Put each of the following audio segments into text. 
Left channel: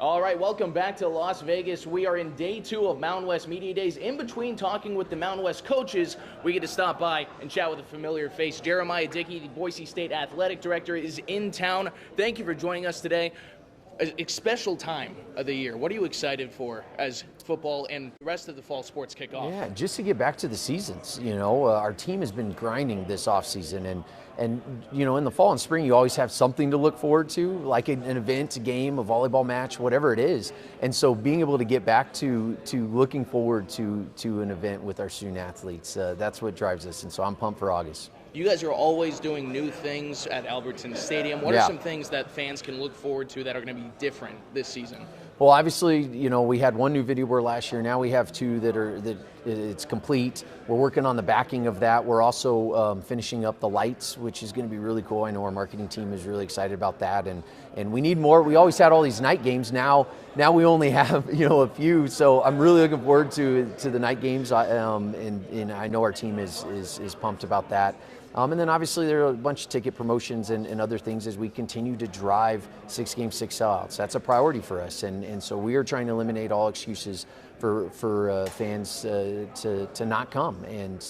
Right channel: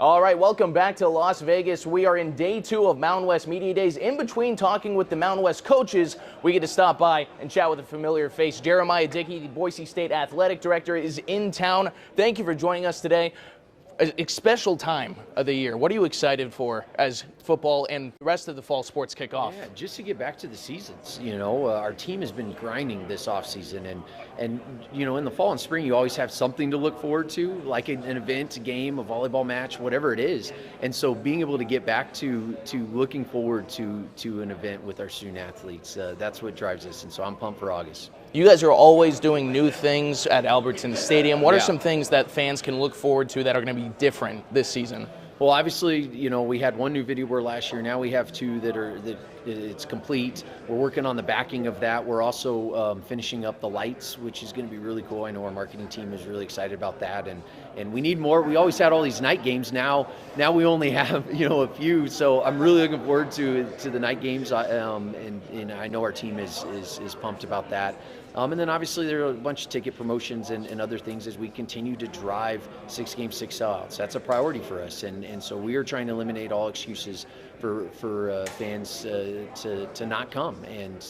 All right, welcome back to Las Vegas. We are in day 2 of Mountain West Media Days. In between talking with the Mountain West coaches, we get to stop by and chat with a familiar face. Jeramiah Dickey, the Boise State Athletic Director, is in town. Thank you for joining us today. A special time of the year. What are you excited for as football and the rest of the fall sports kick off? Yeah, just to get back to the seasons. Our team has been grinding this offseason, and in the fall and spring, you always have something to look forward to, like an event, a game, a volleyball match, whatever it is. And so being able to get back to looking forward to an event with our student athletes, that's what drives us. And so I'm pumped for August. You guys are always doing new things at Albertsons Stadium. What are some things that fans can look forward to that are going to be different this season? Well, obviously, we had one new video board last year. Now we have 2 that it's complete. We're working on the backing of that. We're also finishing up the lights, which is going to be really cool. I know our marketing team is really excited about that, and we need more. We always had all these night games. Now we only have a few. So I'm really looking forward to the night games, and I know our team is pumped about that. And then obviously there are a bunch of ticket promotions and other things as we continue to drive 6 games, 6 sellouts. That's a priority for us, and so we are trying to eliminate all excuses for fans to not come.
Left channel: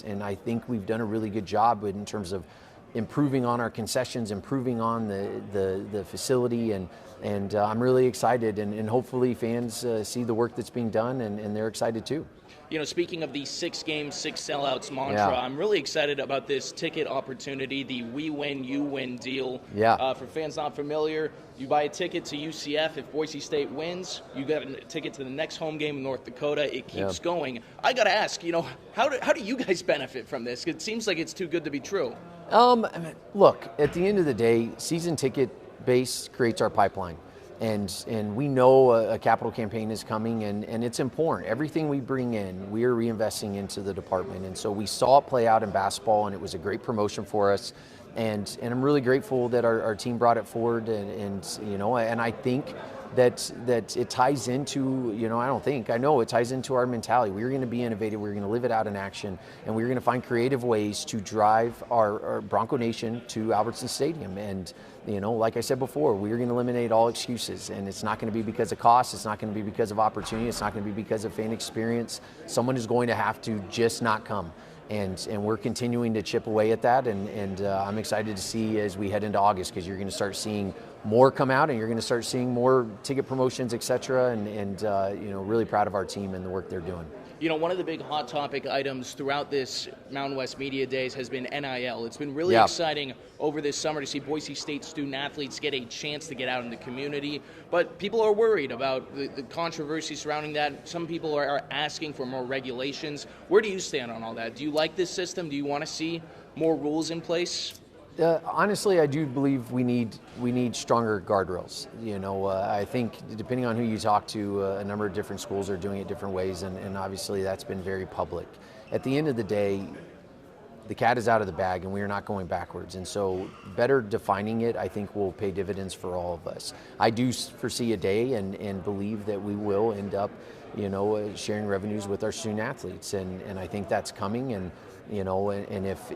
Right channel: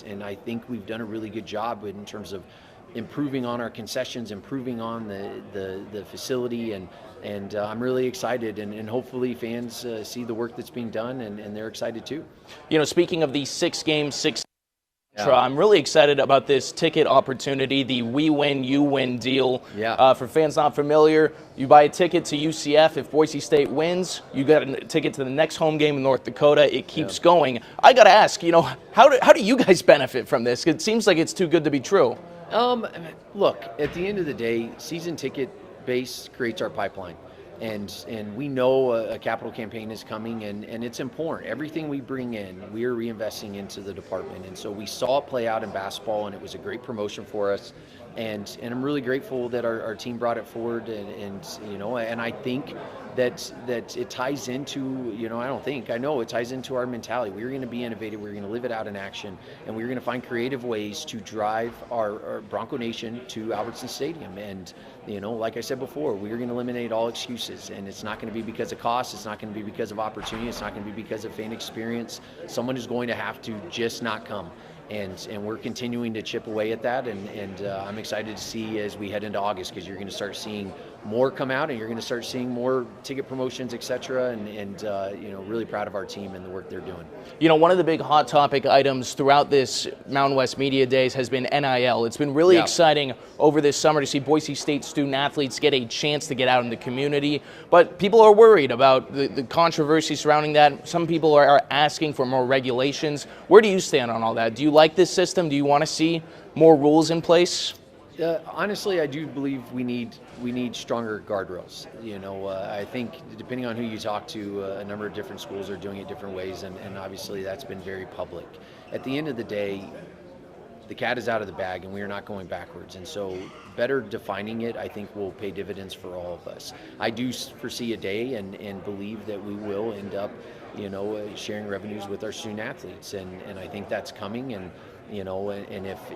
And I think we've done a really good job in terms of improving on our concessions, improving on the facility, and I'm really excited, and hopefully fans see the work that's being done, and they're excited too. Speaking of the 6 games, 6 sellouts mantra, I'm really excited about this ticket opportunity, the We Win, You Win deal. For fans not familiar, you buy a ticket to UCF. If Boise State wins, you get a ticket to the next home game in North Dakota. It keeps going. I got to ask, how do you guys benefit from this? It seems like it's too good to be true. Look, at the end of the day, season ticket base creates our pipeline, and we know a capital campaign is coming, and it's important. Everything we bring in, we are reinvesting into the department, and so we saw it play out in basketball, and it was a great promotion for us, and I'm really grateful that our team brought it forward, and I think that it ties into, I know it ties into our mentality. We're going to be innovative, we're going to live it out in action, and we're going to find creative ways to drive our Bronco Nation to Albertsons Stadium. And like I said before, we're going to eliminate all excuses, and it's not going to be because of cost, it's not going to be because of opportunity, it's not going to be because of fan experience. Someone is going to have to just not come. And we're continuing to chip away at that, and I'm excited to see as we head into August, because you're going to start seeing more come out, and you're going to start seeing more ticket promotions, etc. And really proud of our team and the work they're doing. One of the big hot topic items throughout this Mountain West Media Days has been NIL. It's been really exciting over this summer to see Boise State student athletes get a chance to get out in the community, but people are worried about the controversy surrounding that. Some people are asking for more regulations. Where do you stand on all that? Do you like this system? Do you want to see more rules in place? Honestly, I do believe we need stronger guardrails. I think depending on who you talk to, a number of different schools are doing it different ways, and obviously that's been very public. At the end of the day, the cat is out of the bag, and we are not going backwards. And so better defining it, I think, will pay dividends for all of us. I do foresee a day and believe that we will end up, sharing revenues with our student athletes, and I think that's coming. And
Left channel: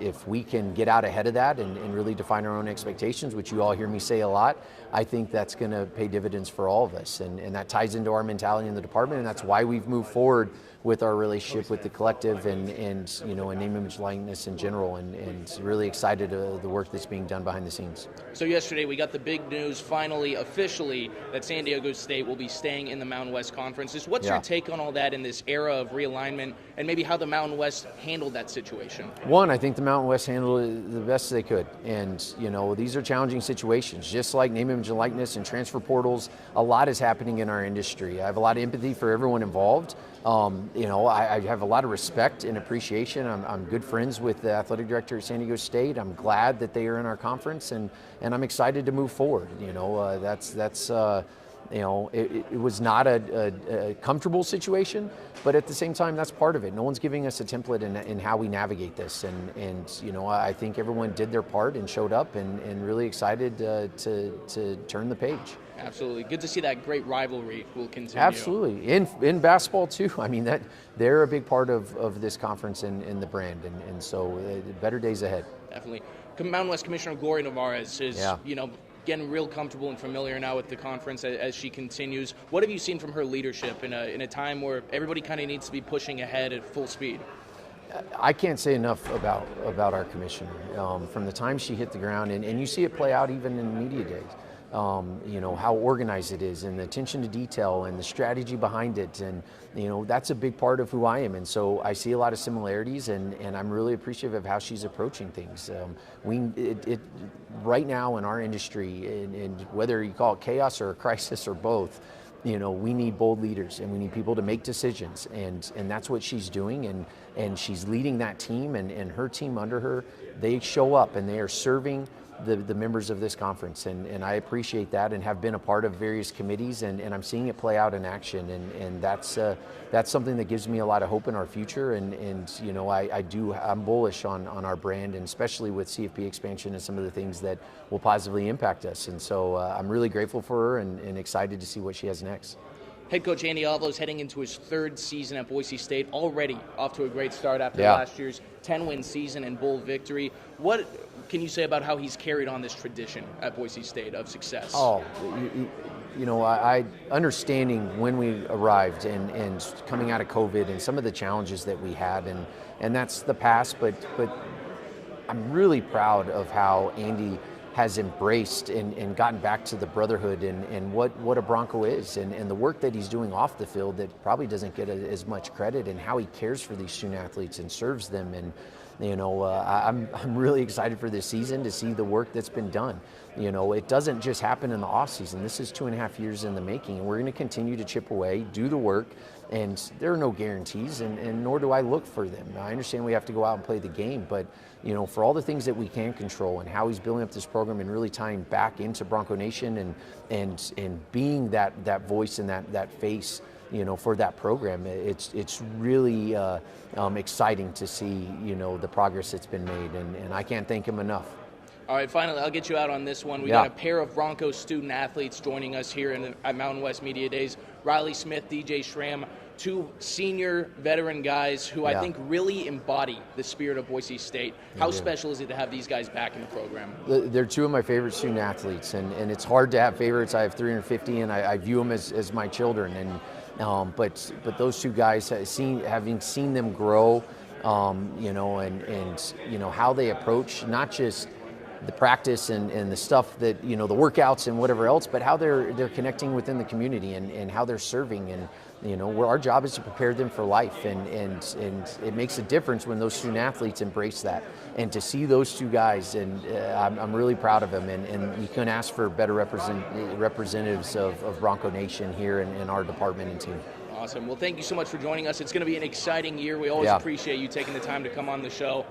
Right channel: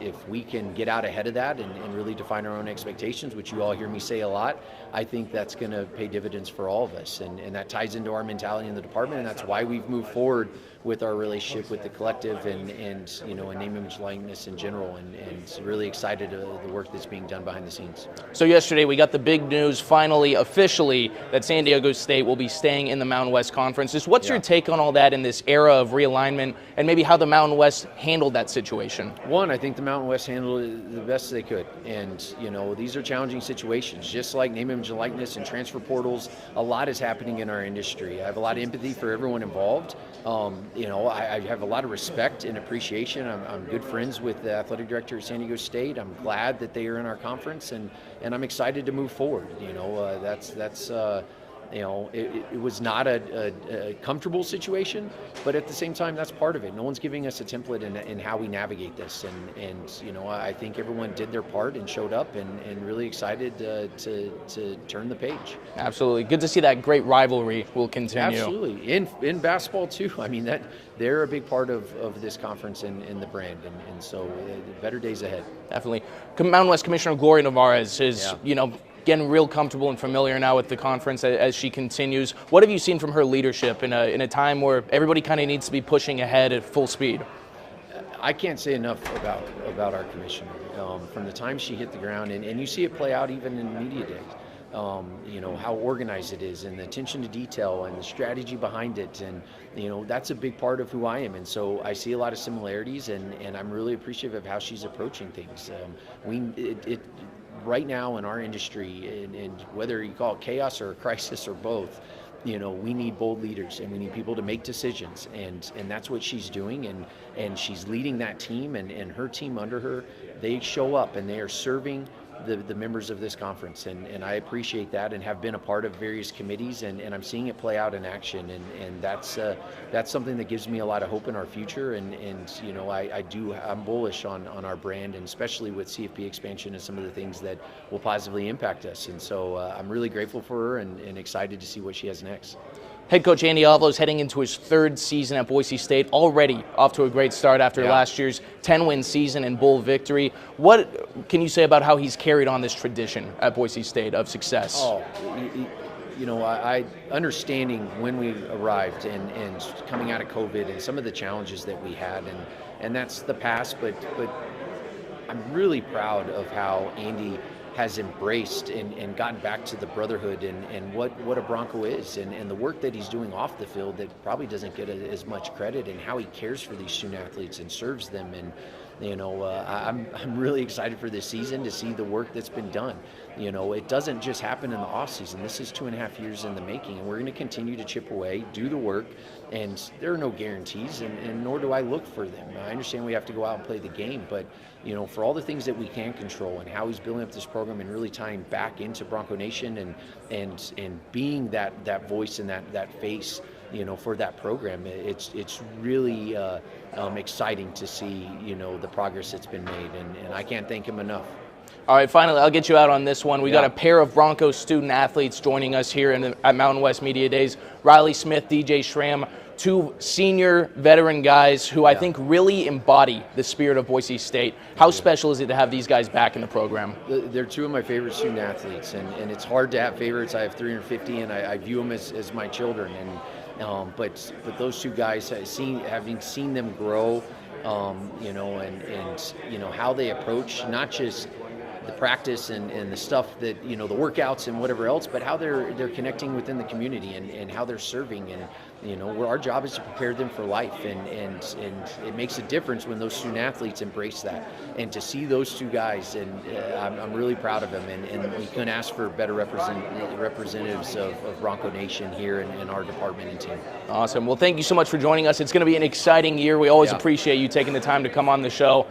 if we can get out ahead of that and really define our own expectations, which you all hear me say a lot, I think that's going to pay dividends for all of us. And that ties into our mentality in the department, and that's why we've moved forward with our relationship with the collective and name, image, likeness in general, and really excited the work that's being done behind the scenes. So yesterday we got the big news, finally, officially, that San Diego State will be staying in the Mountain West Conference. Just what's your take on all that in this era of realignment, and maybe how the Mountain West handled that situation? One, I think the Mountain West handled it the best they could, and these are challenging situations. Just like name, image, and likeness and transfer portals, a lot is happening in our industry. I have a lot of empathy for everyone involved. I have a lot of respect and appreciation. I'm good friends with the athletic director at San Diego State. I'm glad that they are in our conference, and I'm excited to move forward. It was not a comfortable situation, but at the same time, that's part of it. No one's giving us a template in how we navigate this, and I think everyone did their part and showed up, and really excited to turn the page. Absolutely, good to see that great rivalry will continue. Absolutely, in basketball too. I mean, that they're a big part of this conference and the brand, and so better days ahead. Definitely. Mountain West Commissioner Gloria Nevarez is getting real comfortable and familiar now with the conference as she continues. What have you seen from her leadership in a time where everybody kind of needs to be pushing ahead at full speed? I can't say enough about our commissioner. From the time she hit the ground, and you see it play out even in media days. How organized it is, and the attention to detail, and the strategy behind it, and that's a big part of who I am. And so I see a lot of similarities, and I'm really appreciative of how she's approaching things. Right now in our industry, and whether you call it chaos or a crisis or both, we need bold leaders, and we need people to make decisions, and that's what she's doing, and she's leading that team, and her team under her, they show up and they are serving the members of this conference, and I appreciate that, and have been a part of various committees, and I'm seeing it play out in action, and that's something that gives me a lot of hope in our future, and I'm bullish on our brand, and especially with CFP expansion and some of the things that will positively impact us, and so I'm really grateful for her and excited to see what she has next. Head coach Andy Avalos heading into his third season at Boise State, already off to a great start after last year's 10-win season and bowl victory. What can you say about how he's carried on this tradition at Boise State of success? I understanding when we arrived and coming out of COVID and some of the challenges that we had, and that's the past, but I'm really proud of how Andy has embraced and gotten back to the brotherhood and what a Bronco is, and the work that he's doing off the field that probably doesn't get as much credit, and how he cares for these student athletes and serves them. And I'm really excited for this season to see the work that's been done. It doesn't just happen in the off season. This is 2.5 years in the making, and we're going to continue to chip away, do the work, and there are no guarantees, and nor do I look for them. I understand we have to go out and play the game, but for all the things that we can control, and how he's building up this program and really tying back into Bronco Nation and being that voice and that face, for that program, it's really exciting to see the progress that's been made, and I can't thank him enough. All right, finally, I'll get you out on this one. We got a pair of Broncos student athletes joining us here at Mountain West Media Days. Riley Smith, DJ Schramm, two senior veteran guys who I think really embody the spirit of Boise State. How special is it to have these guys back in the program? They're two of my favorite student athletes, and it's hard to have favorites. I have 350, and I view them as my children. But those two guys, having seen them grow, and how they approach not just the practice and the stuff that the workouts and whatever else, but how they're connecting within the community and how they're serving, and where our job is to prepare them for life, and it makes a difference when those student athletes embrace that, and to see those two guys, and I'm really proud of them, and you couldn't ask for better representatives of Bronco Nation here in our department and team. Awesome. Well, thank you so much for joining us. It's going to be an exciting year. We always appreciate you taking the time to come on the show.